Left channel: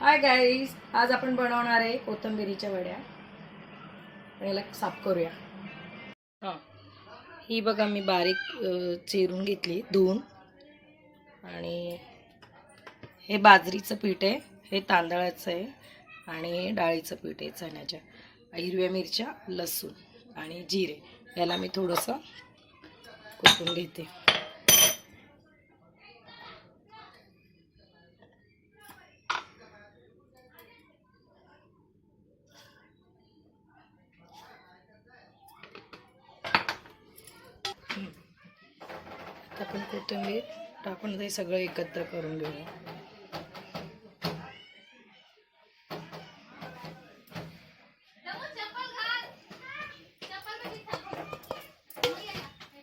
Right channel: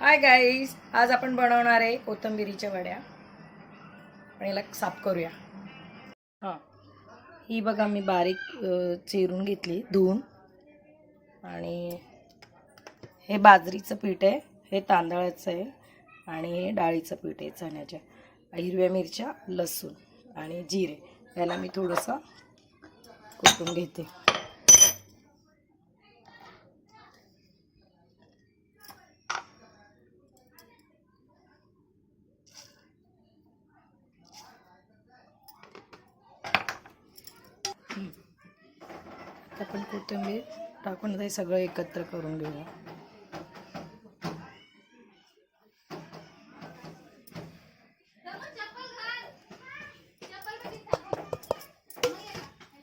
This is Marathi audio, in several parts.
हाय गाईज, आज आपण बनवणार आहे कोथिंबिरीच्या वड्या. आणि याला साफ करूया. हां, ही बघा मी बारीक चिरून घेतली धुवून. आणि हे बाजरीचं पीठ आहे, हे तांदळाचं आहे आणि हे डाळीचं पीठ आहे चण्याच्या. हिरव्या मिरच्या, लसूण आणि जिरे याला मी थोडंसं कुटून घेते. आपण कोथिंबीर टाकून ते सगळं एकत्र करून घेऊया.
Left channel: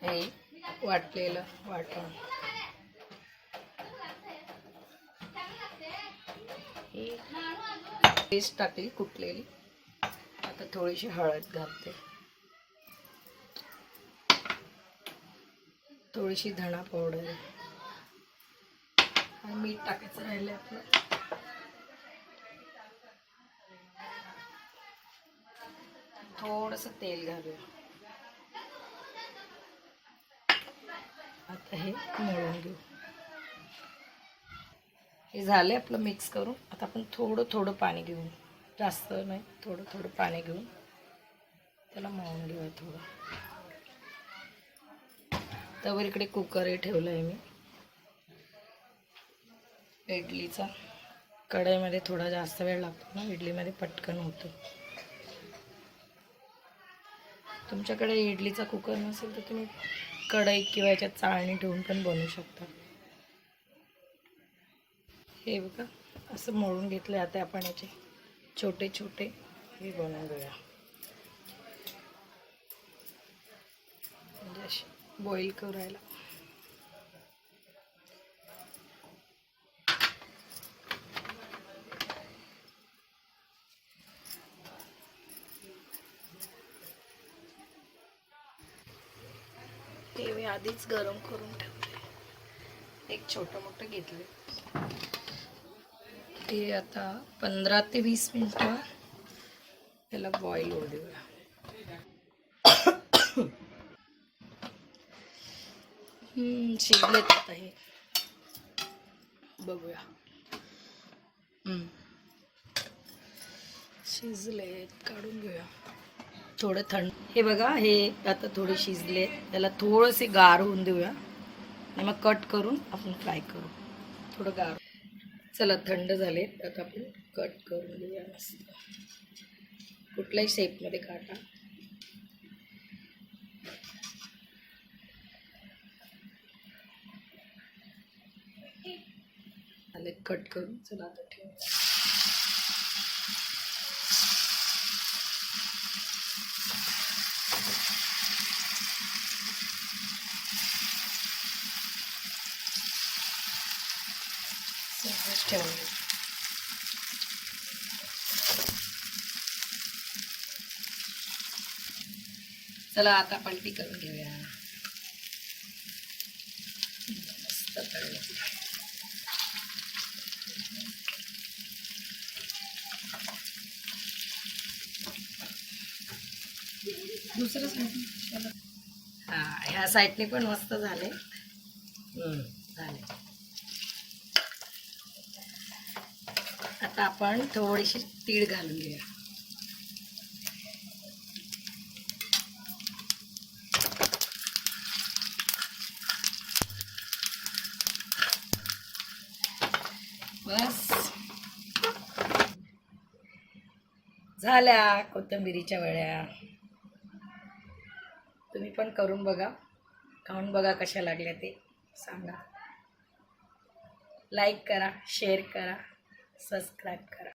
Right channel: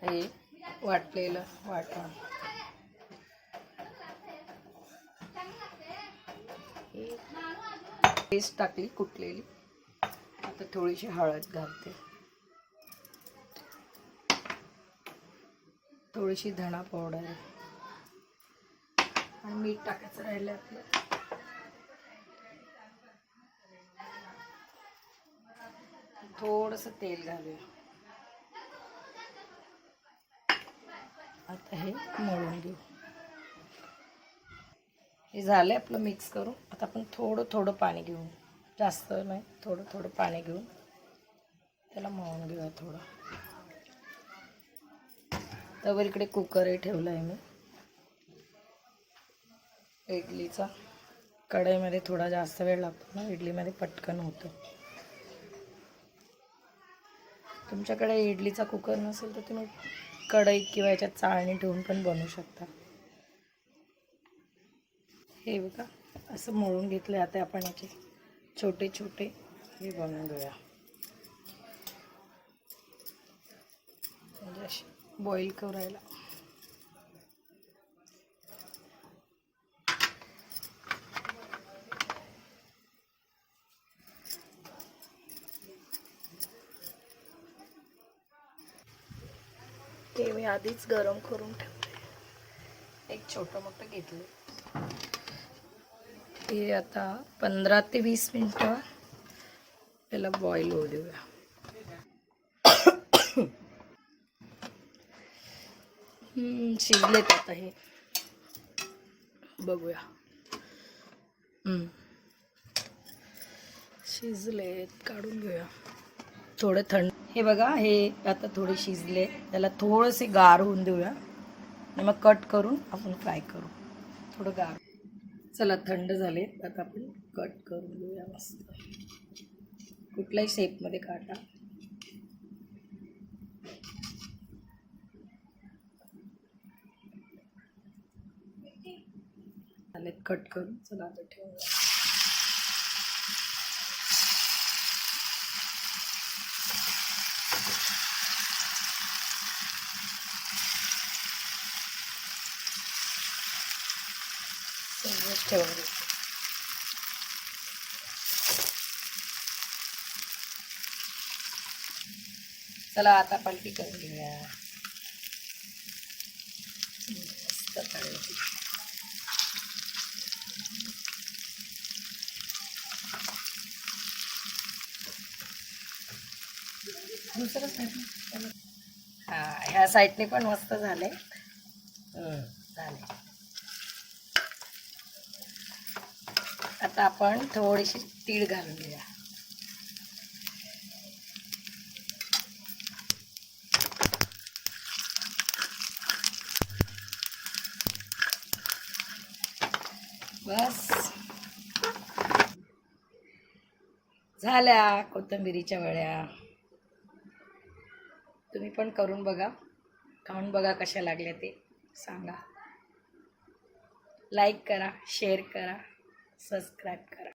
हे वाटलेलं वाटण, पेस्ट टाकली कुटलेली. आता थोडीशी हळद घालते, थोडीशी धणा पावडर आणि मीठ टाकायचं राहिलं आपलं. थोडंसं तेल घालूया. आता हे मळून घेऊ. हे झालं आपलं मिक्स करून. आता आपण थोडं थोडं पाणी घेऊन, जास्त नाही, थोडं थोडं पाणी घेऊन त्याला मळून घेऊया थोडं. त्यावर इकडे कुकरही ठेवला आहे मी इडलीचा. कढईमध्ये थोडा जास्त वेळ लागतो ना, इडलीमध्ये पटकन होतं. तुमच्याकडे इडलीचा कुकर नसेल तर तुम्ही कढई किंवा याच्यात चाळणी ठेवून पण बनवू शकता. हे बघा असं मळून घेतलं. आता आपण याचे छोटे छोटे हे बनवून घेऊया, म्हणजे असे बॉईल करायला. ते मी आधीच गरम करून ठेवले. एक छोटं मोठं घेतलं. ते आता 15 ते 20 मिनिटं त्याला बॉईल होऊ देऊया. शिजलेत आता हे, बघूया. शिजलेत, काढून घेऊया. थोडं थंड. हे बघा, हे आता थोडे शिजले. त्याला थोडेसे गार होऊन देऊया आणि मग कट करून आपण फ्राय करू. थोडं गार. चला, थंड झाले. आता आपण कट करून घेऊया मस्त. कुठल्याही शेपमध्ये काटा. आले कट करून. चला आता ठेवूया. ठेवून देऊ. चला आता पलटी करून घेऊया. मस्त तळायची. दुसरं साईड. हा, ह्या साईडने पण मस्त झाले. झाले. आता आपण थोडीशी तीळ घालून घेऊया. बस झाल्या कोथिंबिरीच्या वड्या. तुम्ही पण करून बघा, खाऊन बघा कशा लागल्या ते सांगा. लाईक करा, शेअर करा, सबस्क्राईब करा.